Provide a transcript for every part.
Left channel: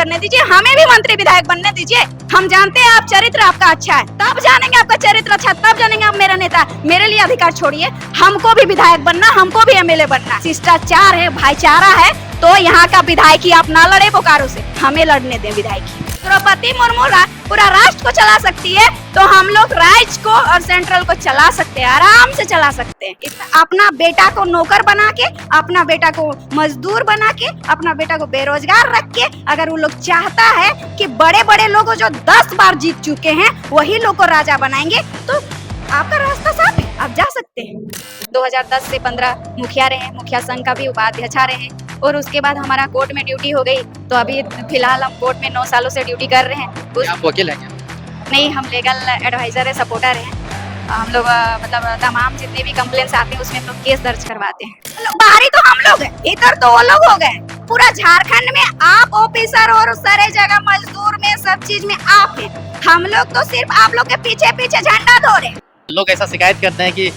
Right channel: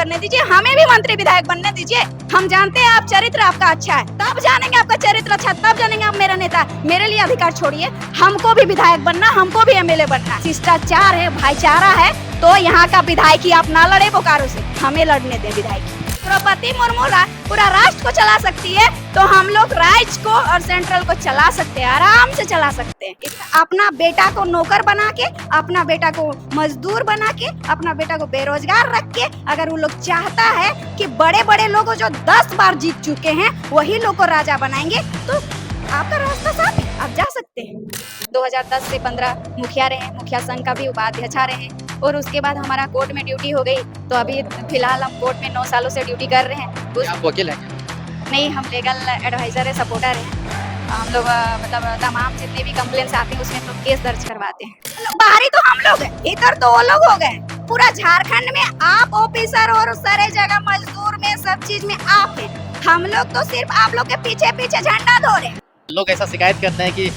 करने दीजिए, हमें भी मंत्री विधायक बनने दीजिए। हम जानते हैं आप चरित्र आपका अच्छा है, तब जानेंगे आपका चरित्र अच्छा, तब जानेंगे आप मेरा नेता। मेरे लिए अधिकार छोड़िए, हमको भी विधायक बनना, हमको भी एमएलए बनना। शिष्टाचार है, भाईचारा है, तो यहाँ का विधायकी आप ना लड़े बोकारो से, हमें लड़ने दें विधायकी। द्रौपदी मुर्मू पूरा राष्ट्र को चला सकती है, तो हम लोग राज्य को और सेंट्रल को चला सकते हैं, आराम से चला सकते हैं। अपना बेटा को नौकर बना के, अपना बेटा को मजदूर बना के, अपना बेटा को बेरोजगार रख के, अगर वो लोग चाहता है कि बड़े बड़े लोग जो 10 बार जीत चुके हैं वही लोग को राजा बनाएंगे, तो आपका रास्ता साफ है, आप जा सकते हैं। 2010 से 15 मुखिया रहे, मुखिया संघ का भी उपाध्यक्ष रहे, और उसके बाद हमारा कोर्ट में ड्यूटी हो गई, तो अभी फिलहाल हम कोर्ट में 9 सालों से ड्यूटी कर रहे हैं। आप वकील हैं क्या? नहीं, हम लीगल एडवाइजर है, सपोर्टर हैं। हम लोग मतलब तमाम जितने भी कंप्लेंट्स आते हैं उसमें हम लोग केस दर्ज करवाते हैं। बाहरी तो हम लोग हैं, भीतर तो वो लोग हो गए। पूरा झारखंड में आप ऑफिसर और सारे जगह मजदूर में सब चीज में आप हैं, हम लोग तो सिर्फ आप लोग के पीछे पीछे झंडा धो रहे हैं। लोग ऐसा शिकायत करते हैं कि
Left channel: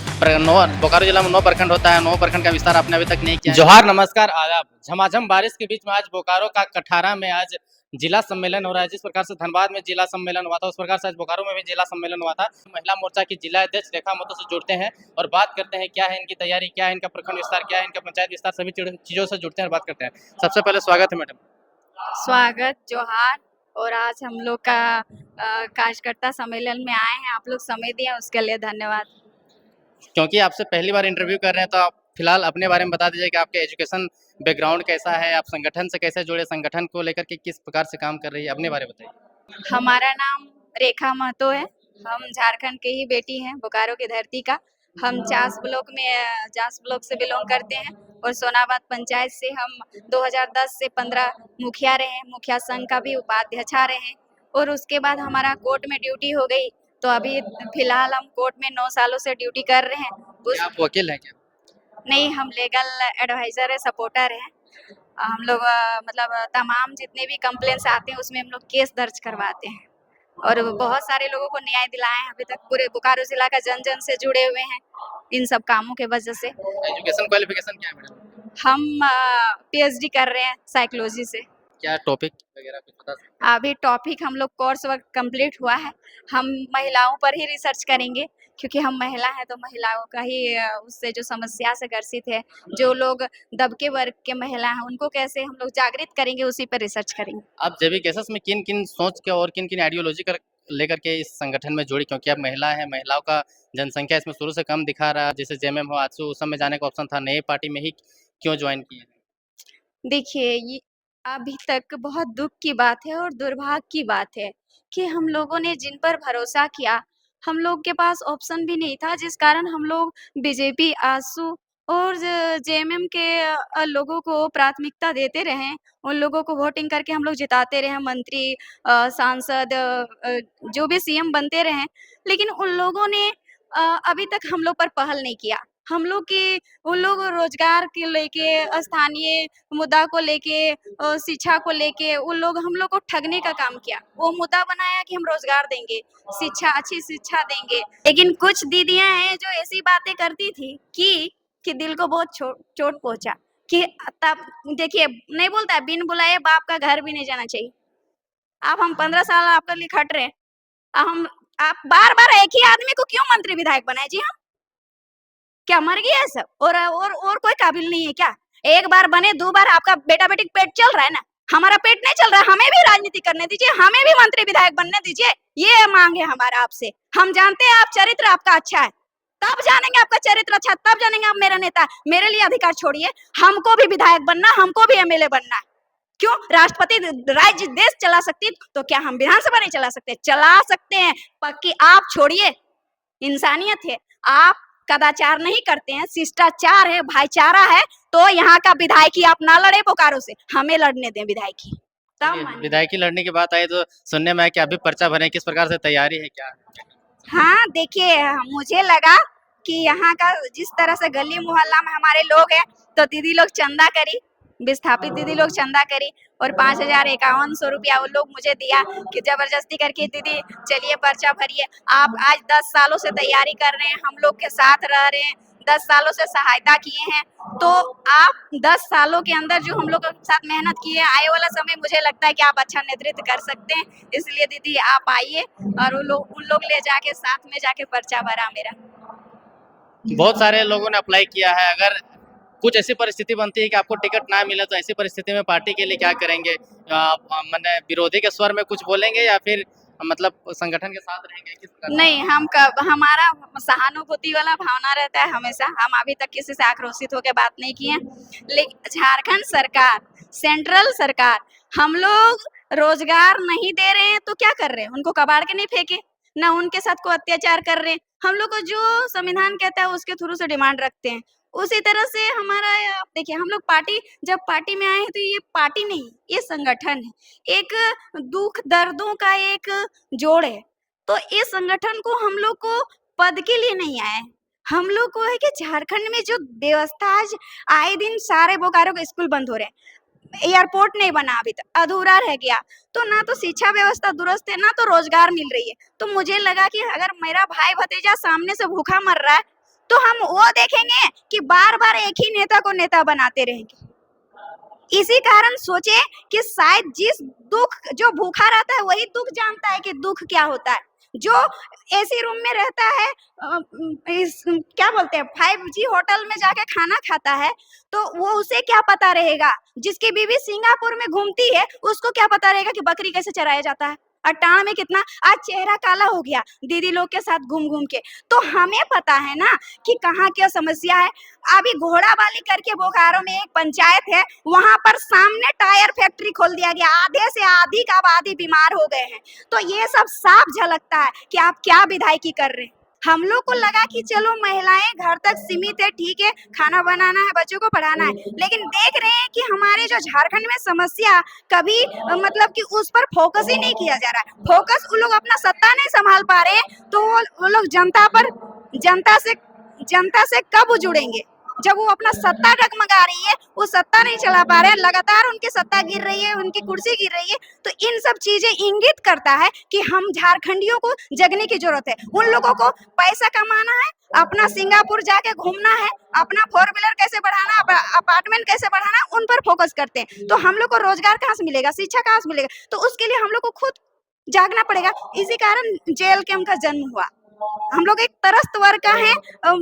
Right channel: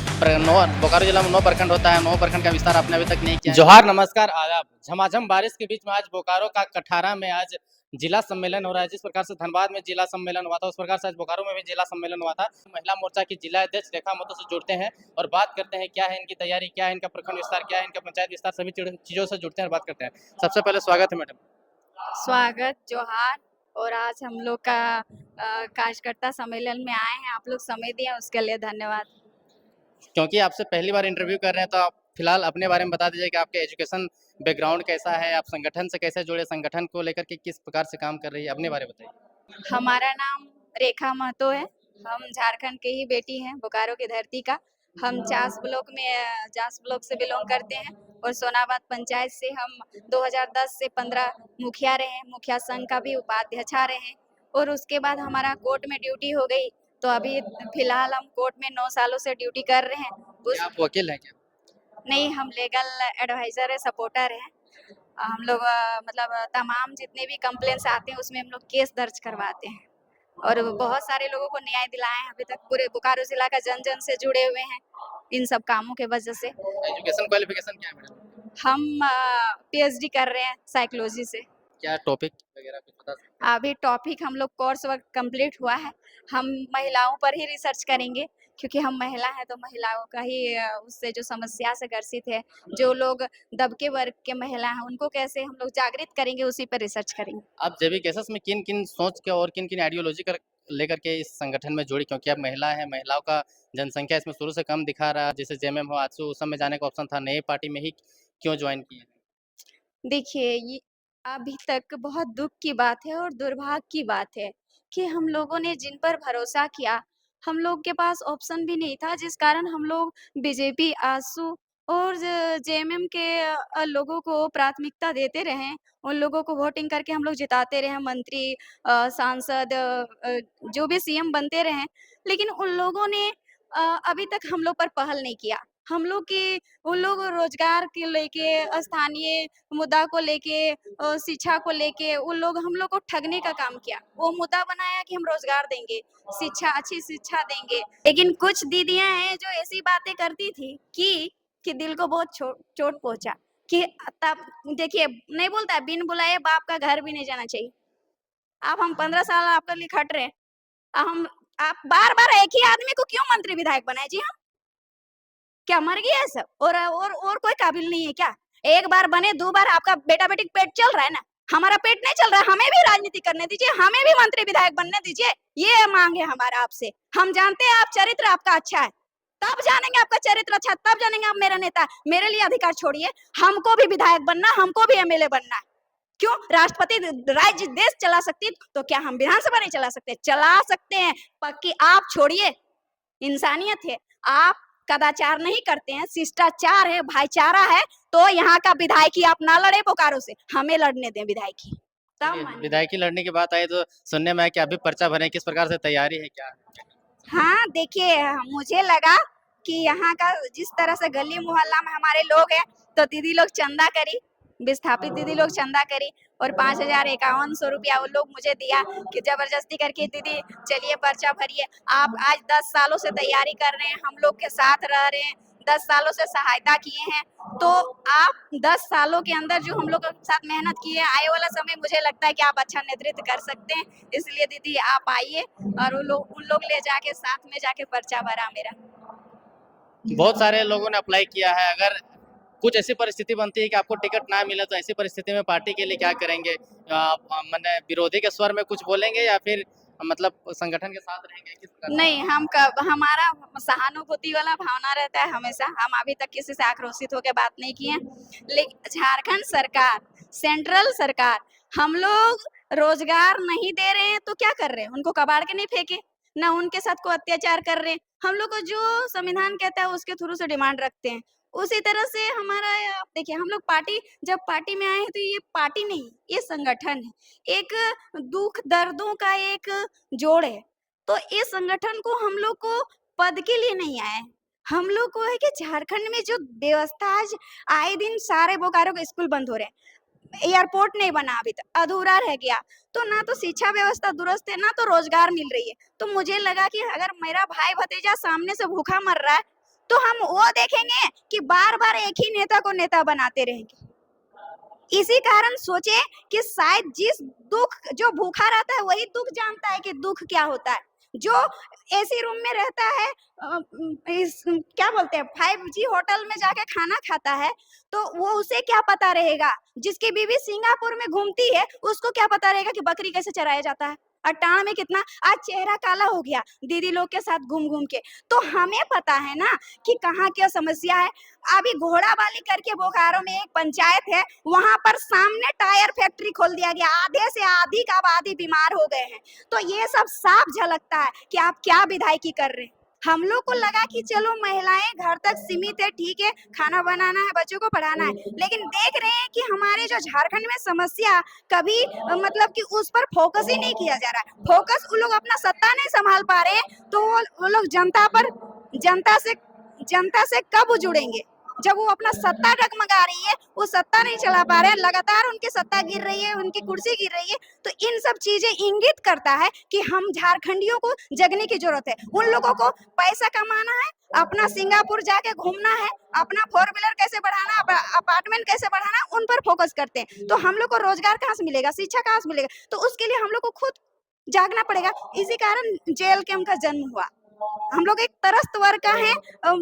बोकारो जिला में 9 प्रखंड होता है, 9 प्रखंड का विस्तार आपने अभी तक नहीं किया। जोहार, नमस्कार, आदाब। झमाझम बारिश के बीच में आज बोकारो का कठारा में आज जिला सम्मेलन हो रहा है। जिस प्रकार से धनबाद में जिला सम्मेलन हुआ था, उस प्रकार से आज बोकारो में भी जिला सम्मेलन हुआ था। महिला मोर्चा की जिला अध्यक्ष रेखा महतो से जुड़ते हैं और बात करते हैं क्या है इनकी तैयारी, क्या है इनका प्रखंड विस्तार, क्या है इनका पंचायत विस्तार, सभी चीजों से जुड़ते हैं और बात करते हैं। सबसे पहले स्वागत है मैडम। स्वागत, जोहार। और आज हम लोग का कार्यकर्ता सम्मेलन में आए हैं, आप लोग समय दिए उसके लिए धन्यवाद। क्योंकि आपसे पहली बार इंटरव्यू कर रहे हैं, तो आप फिलहाल अपने बारे में बता दीजिए कि आपके एजुकेशन बैकग्राउंड कैसा है, आप संगठन से कैसे जुड़े, संगठन को लेकर के किस प्रकार से काम कर रही है, अपने बारे में बताइए। हमारा नाम रेखा महतो है, हम झारखंड के ही बेटी हैं, बोकारो की धरती का। हम चास ब्लॉक से बिलोंग करते हैं और सोनाबाद पंचायत से हम 2010 से 15 मुखिया रहे, मुखिया संघ का भी उपाध्यक्ष रहे, और उसके बाद हमारा कोर्ट में ड्यूटी हो गई, तो अभी फिलहाल हम कोर्ट में 9 सालों से ड्यूटी कर रहे हैं। आप वकील हैं क्या? नहीं, हम लीगल एडवाइजर है, सपोर्टर है। हम लोग मतलब तमाम जितने भी कंप्लेंट्स आते हैं उसमें हम लोग केस दर्ज करवाते हैं, और बहुत सारे लोगों को न्याय दिलाए हैं। अभी तक पूरे बोकारो जिला का जन जन से जुड़े हुए हैं इन सब कामों के वजह से। एजुकेशन क्वालिफिकेशन क्या है मैडम? हम पीएचडी कर रहे हैं साइकोलॉजी से। क्या टॉपिक वगैरह कुछ बता सकते हैं? अभी टॉपिक हम लोग कोर्स वर्क कंप्लीट हुआ है, हम महिलाओं पर ही रिसर्च करेंगे, क्योंकि हम महिला हैं तो महिलाओं का ही उससे जो समस्या से ग्रसित है, जो लोग दबके वर्ग के महिला हैं, उनको कैसे हम लोग जागृत करेंगे, उसी पर रिसर्च करेंगे। आप जेबी केसेस में किन किन सोच के और किन किन आइडियोलॉजी कर लेकर के इस संगठन में जुड़ी, क्योंकि आप महिला है, महिलाओं का जनसंख्या इसमें शुरू से कम दिखा रहा है, जैसे जेएमएम हो, आजसू उस समय जाने का ऑप्शन था, नई पार्टी में ही क्यों ज्वाइन किए? देखिए, ये अभी तक बहुत दुःख की बात है और दुर्भाग्य की बात है कि हम लोगों ने जिन पर भरोसा किया, हम लोग के पास ऑप्शन भी नहीं था, जिस कारण हम लोग बीजेपी, आजसू और जेएमएम के लोगों को प्राथमिकता देते रहे। उन लोगों को वोटिंग करके हम लोग जिताते रहे, मंत्री, सांसद, जो भी सीएम बनते रहे। लेकिन उन लोगों ने अभी तक हम लोग पर पहल नहीं किया। हम लोग की उन लोग रोजगार के लेके, स्थानीय मुद्दा को लेके, शिक्षा को लेके हम लोग को ठगने का काम किया। वो मुद्दा बनाया कि हम रोजगार देंगे, अच्छी शिक्षा देंगे, लेकिन कुछ दीदियां हैं जो ऐसी बातें करती थी कि दिल को बहुत चोट पहुंचा। कि तब देखिए, नहीं बोलता है बिन बुलाए बाप का घर भी नहीं जाना चाहिए। अब हम 15 साल आपके लिए खट रहे हैं, आप बार बार एक ही आदमी को क्यों मंत्री विधायक बनाए जी? हम क्या मर गया है सब? और कोई काबिल नहीं है क्या? एक बार बने, 2 बार आपका बेटा बेटी पेट चल रहा है ना, हमारा पेट नहीं चल रहा है, हमें भी राजनीति करने दीजिए, हमें भी मंत्री विधायक बनने दीजिए। ये मांग है हमारा आपसे। हम जानते हैं आप चरित्र आपका अच्छा है, तब जानेंगे आपका चरित्र अच्छा, तब जानेंगे आप मेरा नेता। मेरे लिए अधिकार छोड़िए, हमको भी विधायक बनना, हमको भी एमएलए बनना है। क्यों? राष्ट्रपति राज्य देश चला सकती, तो क्या हम विधानसभा नहीं चला सकते? चला सकते हैं, पक्की आप छोड़िए, इंसानियत है। आप कदाचार नहीं करते हैं, शिष्टाचार है, भाईचारा है, तो यहाँ का विधायकी आप ना लड़े बोकारो से, हमें लड़ने दें विधायकी। विधायकी लड़ने की बात आई तो सुनने में आया कि अभी पर्चा भरने किस प्रकार से तैयारी है क्या? हाँ, देखिए, मुझे लगा कि यहाँ का जिस तरह से गली मोहल्ला में हमारे लोग हैं, तो दीदी लोग चंदा करी, विस्थापित दीदी लोग चंदा करी, और 5,051 रुपया वो लोग मुझे दिया कि जबरदस्ती करके दीदी चलिए पर्चा भरिए। आप आज 10 सालों से तैयारी कर रहे हैं, हम लोग के साथ रह रहे हैं, 10 सालों से सहायता किए हैं, तो आप 10 सालों के अंदर जो हम लोगों के साथ मेहनत की है, आने वाला समय मुझे लगता है कि आप अच्छा नेतृत्व कर सकते हैं। इसलिए दीदी आप आइए और उन लोग ले जाके साथ में जाके पर्चा भरा मेरा। बहुत सारे लोगों ने अप्लाई किया है, अगर कुछ ऐसी परिस्थिति बनती है कि आपको टिकट ना मिले तो ऐसी परिस्थिति में पार्टी के लिए क्या करेंगे? मैंने विरोधी के स्वर में कुछ बोलेंगे या फिर मतलब संगठन के साथ रहेंगे, किस प्रकार से? नहीं, हम कब हमारा सहानुभूति वाला भावना रहता है हमेशा। हम अभी तक किसी से आक्रोशित होकर बात नहीं किए हैं। लेकिन झारखंड सरकार, सेंट्रल सरकार हम लोग रोजगार नहीं दे रहे हैं तो क्या कर रहे हैं? उनको कबाड़ के नहीं फेंके, ना उनके साथ कोई अत्याचार कर रहे हैं। हम लोग को जो संविधान कहता है उसके थ्रू से डिमांड रखते हैं। उसी तरह से हमारा आप देखिए, हम लोग पार्टी जब पार्टी में आए हैं तो ये पार्टी नहीं, ये संगठन है। एक दुख दर्दों का एक जोड़ है। तो इस संगठन को हम लोग को पद के लिए नहीं आए हैं। हम लोग को है कि झारखंड में जो व्यवस्था आज आए दिन सारे बोकारो के स्कूल बंद हो रहे हैं, एयरपोर्ट नहीं बना अभी तक, अधूरा रह गया, तो ना तो शिक्षा व्यवस्था दुरुस्त है, ना तो रोजगार मिल रही है। तो मुझे लगा कि अगर मेरा भाई भतीजा सामने से भूखा मर रहा है तो हम वो देखेंगे कि बार बार एक ही नेता को नेता बनाते रहेंगे। इसी कारण सोचे कि शायद जिस दुख जो भूखा रहता है वही दुख जानता है कि दुख क्या होता है। जो एसी रूम में रहता है, इस क्या बोलते हैं 5G होटल में जाके खाना खाता है, तो वो उसे क्या पता रहेगा। जिसकी बीवी सिंगापुर में घूमती है उसको क्या पता रहेगा कि बकरी कैसे चराया जाता है और टाण में कितना आज चेहरा काला हो गया दीदी लोग के साथ घूम घूम के। तो हमें पता है ना कि कहाँ क्या समस्या है। अभी घोड़ाबाली करके बोकारो में एक पंचायत है, वहां पर सामने टायर फैक्ट्री खोल दिया गया, आधे से अधिक आबादी बीमार हो गए हैं। तो ये सब साफ झलकता है कि आप क्या विधायकी कर रहे हैं। हम लोग को लगा कि चलो महिलाएं घर तक सीमित है, ठीक है, खाना बनाना है, बच्चों को पढ़ाना है, लेकिन देख रहे हैं कि हमारे जो झारखंड में समस्या कभी मतलब कि उस पर फोकस ही नहीं किया जा रहा है। फोकस वो लोग अपना सत्ता नहीं संभाल पा रहे हैं तो वो लोग जनता से कब जुड़ेंगे जब वो अपना सत्ता डगमगा रही है, वो सत्ता नहीं चला पा रहे हैं, लगातार उनकी सत्ता गिर रही है, उनकी कुर्सी गिर रही है। तो इन सब चीजें इंगित करता है कि हम झारखंडियों को जगने की जरूरत है। उन लोगों को पैसा कमाना है, अपना सिंगापुर जाके घूमना है, अपना 4 व्हीलर कैसे बढ़ाना, अपार्टमेंट कैसे बढ़ाना, उन पर फोकस करते हैं। तो हम लोग को रोजगार कहाँ से मिलेगा, शिक्षा कहाँ से मिलेगा? तो उसके लिए हम लोग को खुद जागना पड़ेगा। इसी कारण जेल कैंप का जन्म हुआ। हम लोग एक तरस्त वर्ग का है,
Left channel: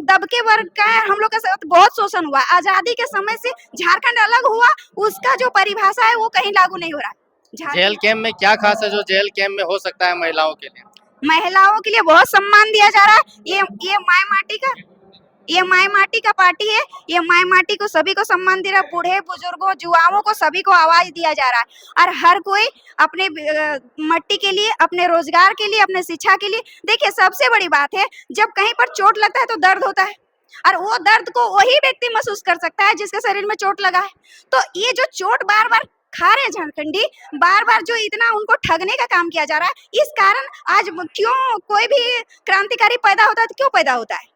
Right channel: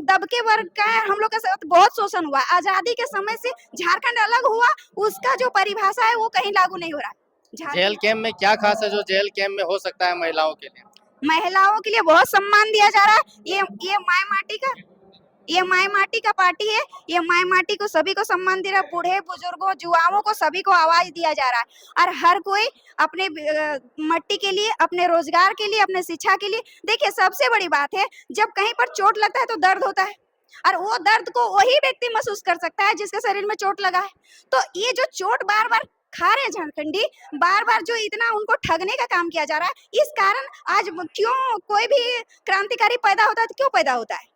दबके वर्ग का है, हम लोग के साथ बहुत शोषण हुआ। आजादी के समय से झारखंड अलग हुआ, उसका जो परिभाषा है वो कहीं लागू नहीं हो रहा। जेल कैंप में क्या खास है जो जेल कैंप में हो सकता है महिलाओं के लिए? महिलाओं के लिए बहुत सम्मान दिया जा रहा है। ये माई माटी का ये माई माटी का पार्टी है। ये माई माटी को सभी को सम्मान दे रहा है, बूढ़े बुजुर्गों युवाओं को सभी को आवाज दिया जा रहा है। और हर कोई अपने मट्टी के लिए, अपने रोजगार के लिए, अपने शिक्षा के लिए। देखिए सबसे बड़ी बात है, जब कहीं पर चोट लगता है तो दर्द होता है, और वो दर्द को वही व्यक्ति महसूस कर सकता है जिसके शरीर में चोट लगा है। तो ये जो चोट बार बार खा रहे झारखंडी, बार बार जो इतना उनको ठगने का काम किया जा रहा है, इस कारण आज क्यों कोई भी क्रांतिकारी पैदा होता है तो क्यों पैदा होता है?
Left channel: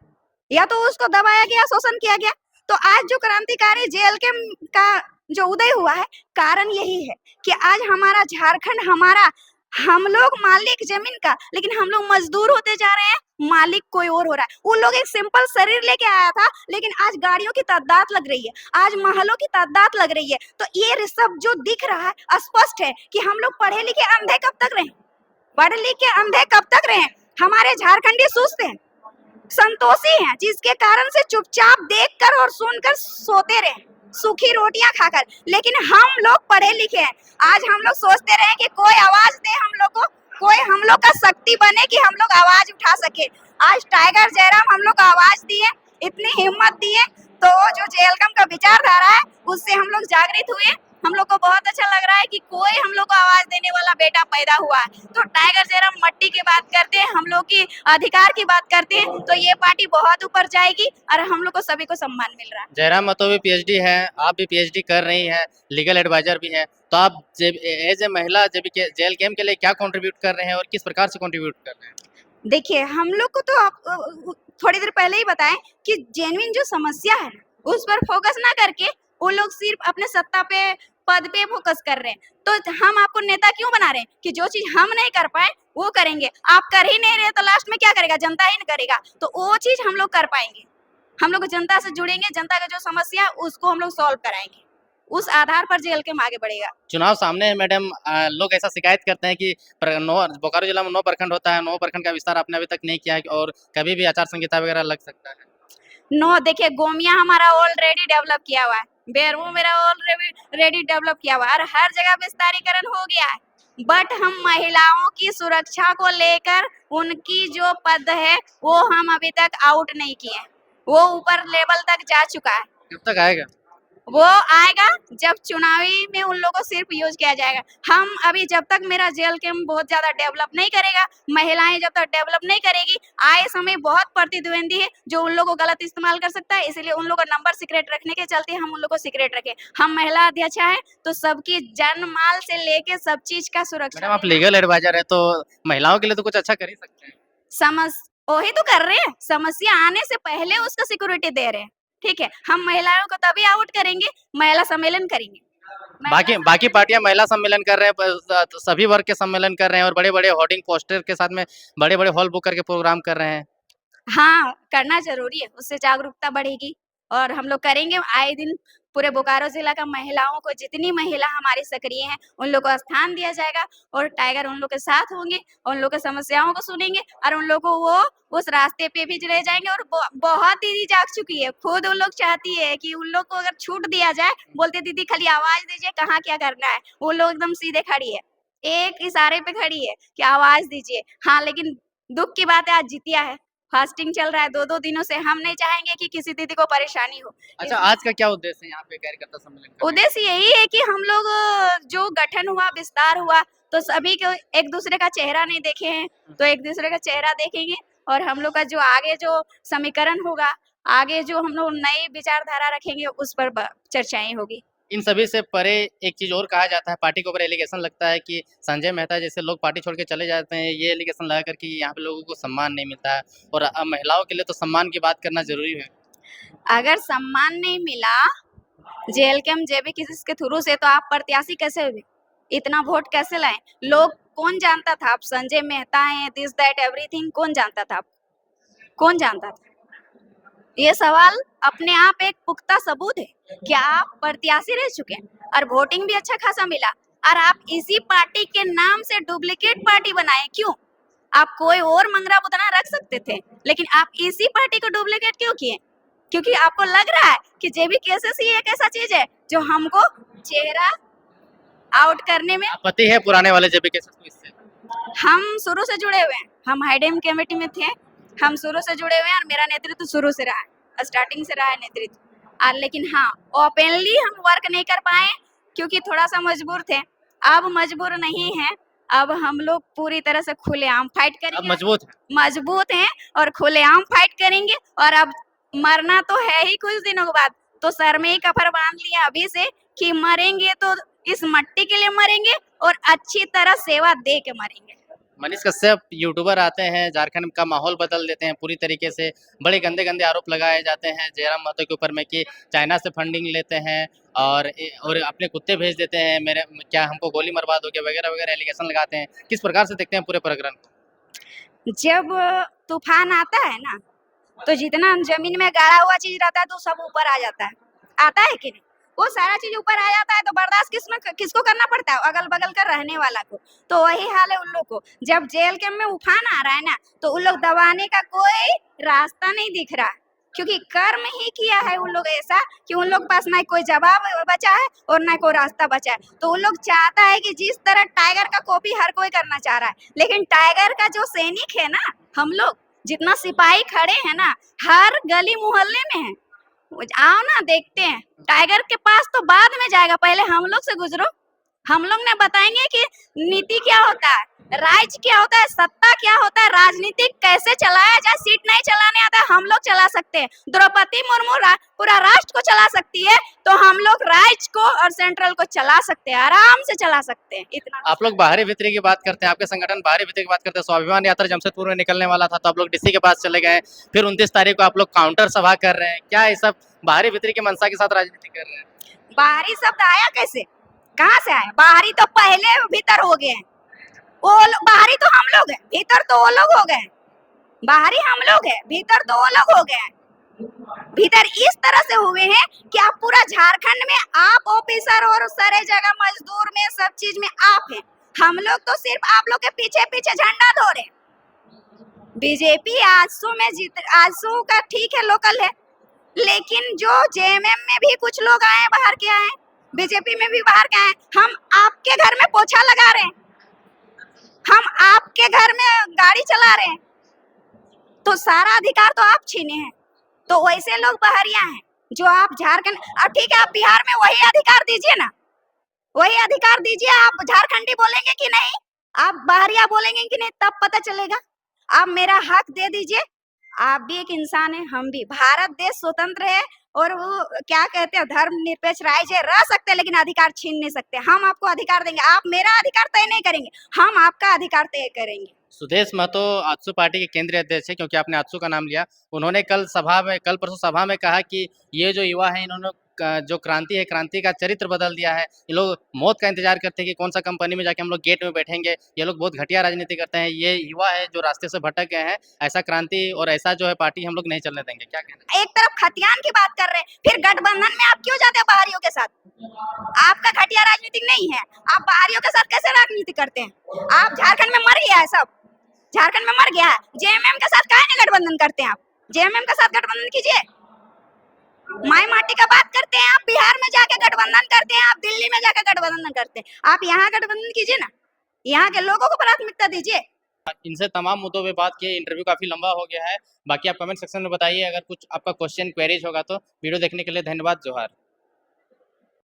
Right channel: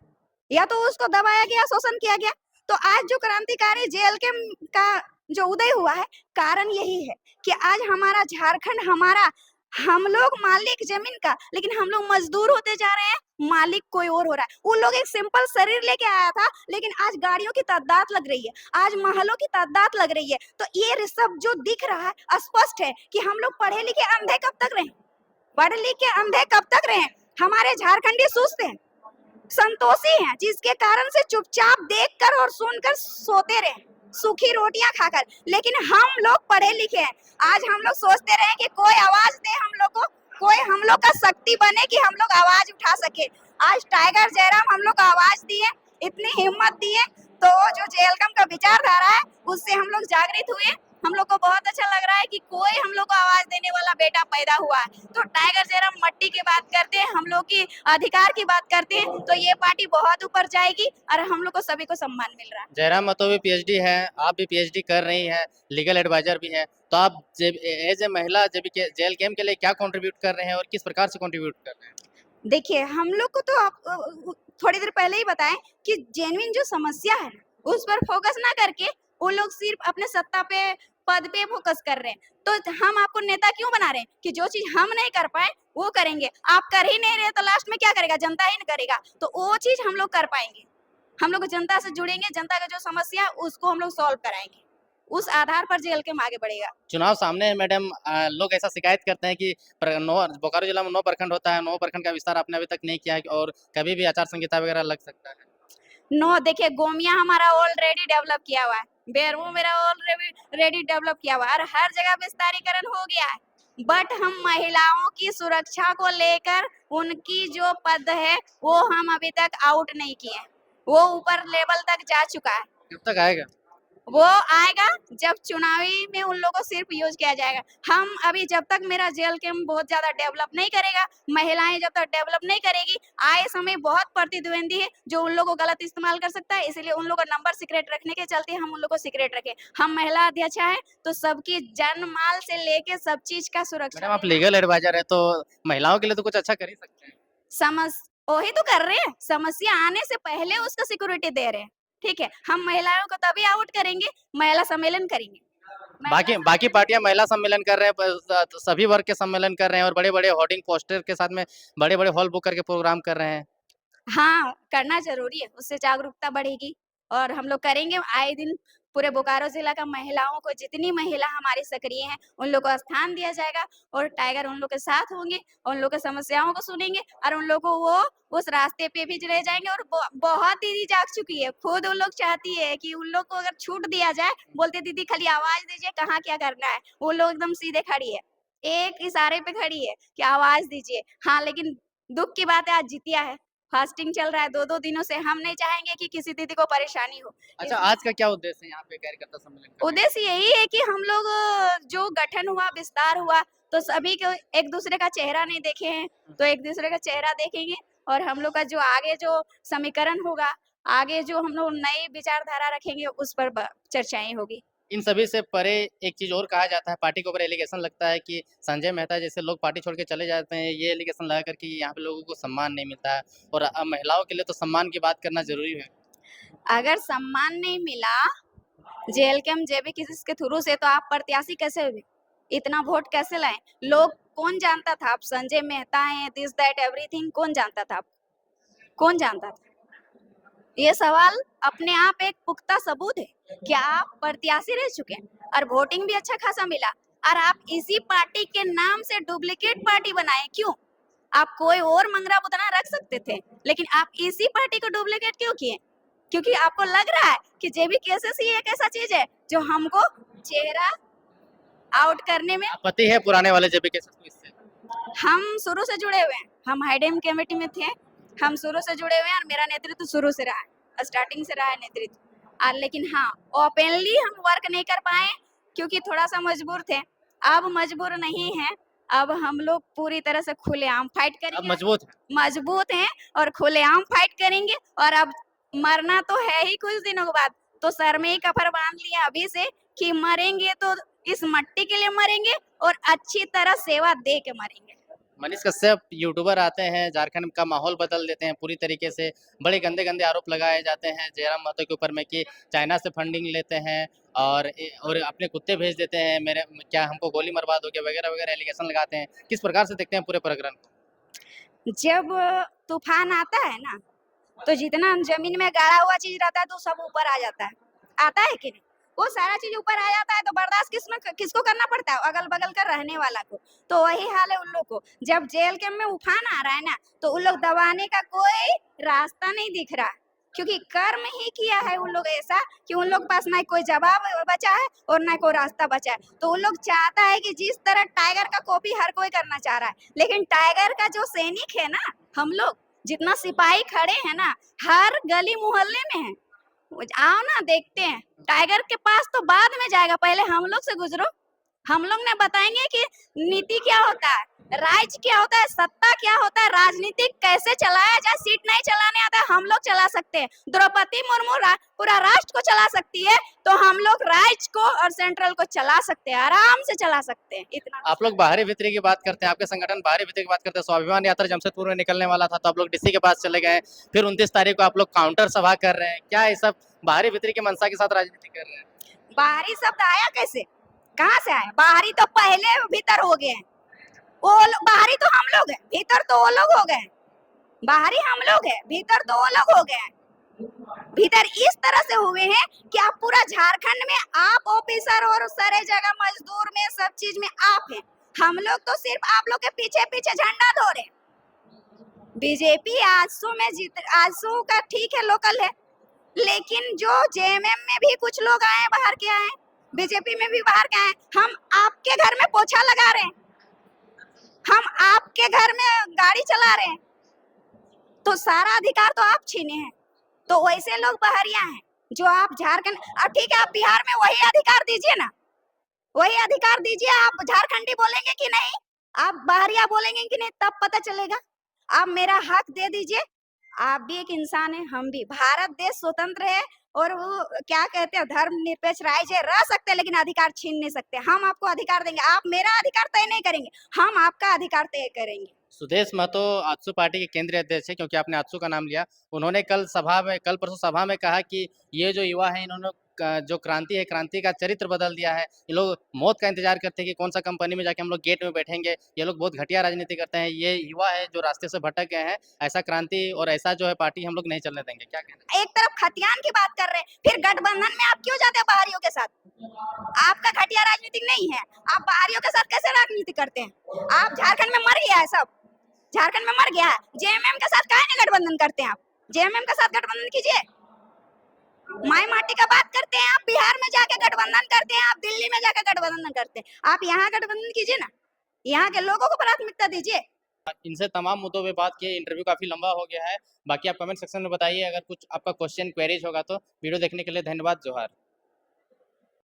या तो उसको दबाया गया, शोषण किया गया। तो आज जो क्रांतिकारी जेल के का जो उदय हुआ है, कारण यही है कि आज हमारा झारखंड, हमारा हम लोग मालिक जमीन का, लेकिन हम लोग मजदूर होते जा रहे हैं, मालिक कोई और हो रहा है। वो लोग एक सिंपल शरीर लेके आया था, लेकिन आज गाड़ियों की तादाद लग रही है, आज महलों की तादाद लग रही है। तो ये सब जो दिख रहा है स्पष्ट है कि हम लोग पढ़े लिखे अंधे कब तक रहे, पढ़ लिख के अंधे कब तक रहे। हमारे झारखंडी सुस्त हैं, संतोषी हैं, जिसके कारण से चुपचाप देखकर और सुनकर सोते रहे, सूखी रोटियां खाकर। लेकिन हम लोग पढ़े लिखे हैं, आज हम लोग सोचते रहे कि कोई आवाज दे हम लोग को, कोई हम लोग का शक्ति बने कि हम लोग आवाज उठा सके। आज टाइगर जयराम हम लोग को आवाज दिए, इतनी हिम्मत दिए, तो जो जेलकम का विचारधारा है उससे हम लोग जागृत हुए। हम लोग को बहुत अच्छा लग रहा है कि कोई हम लोग को आवाज देने वाला बेटा पैदा हुआ है। तो टाइगर जयराम मट्टी की बात करते हैं, हम लोग की अधिकार की बात करते हैं, तो ये पार्टी बहुत ऊपर जाएगी और हम लोग को सभी को सम्मान मिल रहा है। जयराम महतो भी पीएचडी है, आप भी पीएचडी कर रही हैं, लीगल एडवाइजर भी है, तो आप एज ए महिला जब जेल कैंप के लिए क्या कंट्रीब्यूट कर रहे हैं और किस प्रकार से कंट्रीब्यूट कर रहे हैं? देखिए हम लोग को तो आप थोड़ी देर पहले ही बताएं कि जेन्युइन जो समस्या है उस पर फोकस ना करके वो लोग सिर्फ अपने सत्ता पे, पद पे फोकस कर रहे हैं। तो हम आपको नेता क्यों बना रहे हैं कि जो चीज हम नहीं कर पाए वो करेंगे। आप कर ही नहीं रहे तो लास्ट में क्या करेगा, जनता ही करेगा, तो वो चीज हम लोग कर पाएंगे। हम लोग जनता से जुड़ेंगे, जनता का जो समस्या है उसको हम लोग सॉल्व कराएंगे, उस आधार पर जेएलकेएम आगे बढ़ेगा। चुनाव सामने है मैडम, लोग ऐसा शिकायत करते हैं कि बोकारो जिला में 9 प्रखंड होता है, 9 प्रखंड का विस्तार आपने अभी तक नहीं किया है और कभी भी आचार संहिता वगैरह लग सकता है। नो देखिए, गोमिया हमारा ऑलरेडी डेवलप किया हुआ है, बेरमो मेरा ऑलरेडी डेवलप किया हुआ है और हर जगह विस्तारीकरण हो गया है। बट हम महिलाओं की सुरक्षा को लेकर उनकी जो पद है वो हम अभी तक आउट नहीं किए, वो ऊपर लेवल तक जा चुका है। कब तक आएगा? वो आएगा जब चुनावी में उन लोगों को सिर्फ यूज किया जाएगा। हम अभी जब तक मेरा जेएलकेएम बहुत ज्यादा डेवलप नहीं करेगा, महिलाएं जब तक डेवलप नहीं करेगी, आए समय बहुत प्रतिद्वंदी है जो उन लोगों को गलत इस्तेमाल कर सकता है, इसलिए उन लोगों का नंबर सीक्रेट रखने के चलते हम उन लोगों को सीक्रेट रखें। हम महिला अध्यक्ष है तो सबकी जन माल से लेके सब चीज का मैडम सुरक्षा आप लीगल एडवाइजर है तो महिलाओं के लिए तो कुछ अच्छा कर ही सकते हैं। समझ वही तो कर रहे हैं, समस्या आने से पहले उसका सिक्योरिटी दे रहे हैं। ठीक है, हम महिलाओं को तभी आउट करेंगे, महिला सम्मेलन करेंगे। बाकी बाकी पार्टियां महिला सम्मेलन कर रहे हैं, तो सभी वर्ग के सम्मेलन कर रहे हैं और बड़े-बड़े होर्डिंग पोस्टर के साथ में बड़े-बड़े हॉल बुक करके प्रोग्राम कर रहे हैं। हाँ, करना ज़रूरी है, उससे जागरूकता बढ़ेगी और हम लोग करेंगे आए दिन। पूरे बोकारो ज़िला का महिलाओं को, जितनी महिला हमारी सक्रिय हैं, उन लोग को स्थान दिया जाएगा और टाइगर उन लोग के साथ होंगे, उन लोग की समस्याओं को सुनेंगे और उन लोग को वो उस रास्ते पे भी ले जाएँगे और बहुत दीदी जाग चुकी है, खुद उन लोग चाहती है कि उन लोग को अगर छूट दिया जाए, बोलते दीदी खाली आवाज़ दीजिए कहाँ क्या करना है, वो लोग एकदम सीधे खड़ी है, एक इशारे पे खड़ी है कि आवाज़ दीजिए। हाँ, लेकिन दुःख की बात है आज जितिया है। फास्टिंग चल रहा है 2-2 दिनों से, हम नहीं चाहेंगे कि किसी दीदी को परेशानी हो। अच्छा, इसलिए आज का क्या उद्देश्य है यहाँ पे कार्यकर्ता सम्मेलन करने का? उद्देश्य यही है कि हम लोग जो गठन हुआ, विस्तार हुआ, तो सभी को एक-दूसरे का चेहरा नहीं देखे हैं, तो एक-दूसरे का चेहरा देखेंगे और हम लोग का जो आगे जो समीकरण होगा, आगे जो हम लोग नई विचारधारा रखेंगे, उस पर चर्चाएँ होगी। इन सभी से परे एक चीज़ और कहा जाता है, पार्टी के ऊपर एलिगेशन लगता है कि संजय मेहता जैसे लोग पार्टी छोड़ के चले जाते हैं, ये एलिगेशन लगा कर कि यहाँ पे लोगों को सम्मान नहीं मिलता है और महिलाओं के लिए तो सम्मान की बात करना ज़रूरी है। अगर सम्मान नहीं मिला जेएलकेएम जेबी किसी के थ्रू से, तो आप प्रत्याशी कैसे हुए? इतना वोट कैसे लाए? लोग कौन जानता था आप संजय मेहता हैं, दिस दैट एवरीथिंग कौन जानता था आपको? कौन जानता था? ये सवाल अपने आप एक पुख्ता सबूत है कि आप प्रत्याशी रह चुके हैं और वोटिंग भी अच्छा खासा मिला और आप इसी पार्टी के नाम से डुप्लीकेट पार्टी बनाए क्यों? आप कोई और मंगरा बुतना रख सकते थे, लेकिन आप इसी पार्टी को डुप्लीकेट क्यों किए? क्योंकि आपको लग रहा है कि जेबी केसेस ही एक ऐसा चीज है जो हमको चेहरा आउट करने में। आपत्ति है पुराने वाले जेबी केसेस को इससे? हम शुरू से जुड़े हुए हैं, हम हाइडेम कमेटी में थे, हम शुरू से जुड़े हुए हैं और मेरा नेतृत्व शुरू से रहा है, स्टार्टिंग से रहा है नेतृत्व। लेकिन हाँ, ओपनली हम वर्क नहीं कर पाए क्योंकि थोड़ा सा मजबूर थे। अब मजबूर नहीं है, अब हम लोग पूरी तरह से खुलेआम फाइट अब करेंगे। मजबूत है। मजबूत हैं और खुलेआम फाइट करेंगे और अब मरना तो है ही कुछ दिनों के बाद, तो सर में ही कफर बांध लिया अभी से कि मरेंगे तो इस मट्टी के लिए मरेंगे और अच्छी तरह सेवा दे के मरेंगे। मनीष कश्यप यूट्यूबर आते हैं, झारखंड का माहौल बदल देते हैं पूरी तरीके से, बड़े गंदे-गंदे आरोप लगाए जाते हैं जयराम महतो के ऊपर में कि चाइना से फंडिंग लेते हैं और अपने कुत्ते भेज देते हैं, मेरे क्या हमको गोली मरवा दोगे वगैरह-वगैरह एलिगेशन लगाते हैं। किस प्रकार से देखते हैं पूरे प्रकरण को? जब तूफान आता है ना, तो जितना जमीन में गाड़ा हुआ चीज रहता है तो सब ऊपर आ जाता है, आता है कि नहीं? वो सारा चीज ऊपर आ जाता है तो बर्दाश्त किसको करना पड़ता है? अगल बगल का रहने वाला को। तो वही हाल है उन लोग को, जब जेल के में उफान आ रहा है ना, तो उन लोग दबाने का कोई रास्ता नहीं दिख रहा है, क्योंकि कर्म ही किया है उन लोग ऐसा कि उन लोग के पास ना कोई जवाब बचा है और ना कोई रास्ता बचा है। तो उन लोग चाहता है कि जिस तरह टाइगर का कॉपी हर कोई करना चाह रहा है, लेकिन टाइगर का जो सैनिक है ना, हम लोग जितना सिपाही खड़े हैं ना, हर गली मोहल्ले में है। आओ ना देखते हैं, टाइगर के पास तो बाद में जाएगा, पहले हम लोग से गुजरो। हम लोग ने बताएंगे कि नीति क्या होता है, राज क्या होता है, सत्ता क्या होता है, राजनीति कैसे चलाया जाए। सीट नहीं चलाने आता है, हम लोग चला सकते हैं। द्रौपदी मुर्मू पूरा राष्ट्र को चला सकती है, तो हम लोग राज्य को और सेंट्रल को चला सकते हैं, आराम से चला सकते हैं। इतना आप लोग बाहरी भीतरी की बात करते हैं, आपके संगठन बाहरी भीतरी की बात करते हैं। स्वाभिमान यात्रा जमशेदपुर में निकलने वाला था तो आप लोग डीसी के पास चले गए, फिर 29 तारीख को आप लोग काउंटर सभा कर रहे हैं। क्या ये सब बाहरी भीतरी की मंशा के साथ राजनीति कर रहे हैं? बाहरी शब्द आया कैसे, कहाँ से आया? बाहरी तो पहले भीतर हो गए हैं। वो बाहरी तो हम लोग हैं, भीतर तो वो लोग हो गए। बाहरी हम लोग हैं, भीतर तो वो लोग हो गए। भीतर इस तरह से हुए हैं कि आप पूरा झारखंड में आप ऑफिसर और सारे जगह मजदूर में सब चीज में आप हैं। हम लोग तो सिर्फ आप लोग के पीछे पीछे झंडा धो रहे हैं। बीजेपी आजसू में जीत, आजसू का ठीक है लोकल है, लेकिन जो जेएमएम में भी कुछ लोग आए हैं बाहर के आए, बीजेपी में भी बाहर के आए, हम आपके घर में पोछा लगा रहे हैं, हम आपके घर में गाड़ी चला रहे हैं, तो सारा अधिकार तो आप छीने हैं। तो वैसे लोग बहरिया हैं जो आप झारखंड, अब ठीक है आप बिहार में वही अधिकार दीजिए ना, वही अधिकार दीजिए। आप झारखंडी बोलेंगे कि नहीं, आप बहरिया बोलेंगे कि नहीं, तब पता चलेगा। आप मेरा हक दे दीजिए। आप भी एक इंसान है, हम भी। भारत देश स्वतंत्र है और वो क्या कहते हैं धर्मनिरपेक्ष राज्य रह सकते हैं, लेकिन अधिकार छीन नहीं सकते। हम आपको अधिकार देंगे, आप मेरा अधिकार तय नहीं करेंगे, हम आपका अधिकार तय करेंगे। सुदेश महतो आजसू पार्टी के केंद्रीय अध्यक्ष है, क्योंकि आपने आजसू का नाम लिया। उन्होंने कल परसों सभा में कहा कि ये जो युवा है इन्होंने जो क्रांति है, क्रांति का चरित्र बदल दिया है। ये लोग मौत का इंतजार करते हैं कि कौन सा कंपनी में जाके हम लोग गेट में बैठेंगे। ये लोग बहुत घटिया राजनीति करते हैं। ये युवा है जो रास्ते से भटक गए हैं। ऐसा क्रांति और ऐसा जो है पार्टी हम लोग नहीं चलने देंगे। क्या कहना है? एक तरफ खतियान की बात कर रहे हैं, फिर गठबंधन में आप क्यों जाते हैं बाहरियों के साथ? आपका घटिया राजनीति नहीं है, आप बाहरियों के साथ कैसे राजनीति करते हैं? आप झारखंड में मर गया है सब, झारखंड में मर गया है। जेएमएम के साथ काहे नहीं गठबंधन करते हैं आप? जेएमएम के साथ गठबंधन कीजिए। माई माटी का बात करते हैं आप, बिहार में जाके गठबंधन करते हैं, आप दिल्ली में जाके गठबंधन करते हैं, आप यहाँ गठबंधन कीजिए ना, यहाँ के लोगों को प्राथमिकता दीजिए। इनसे तमाम मुद्दों पे बात की। इंटरव्यू काफी लंबा हो गया है। बाकी आप कमेंट सेक्शन में बताइए, अगर कुछ आपका क्वेश्चन क्वेरीज होगा तो। वीडियो देखने के लिए धन्यवाद। जोहार।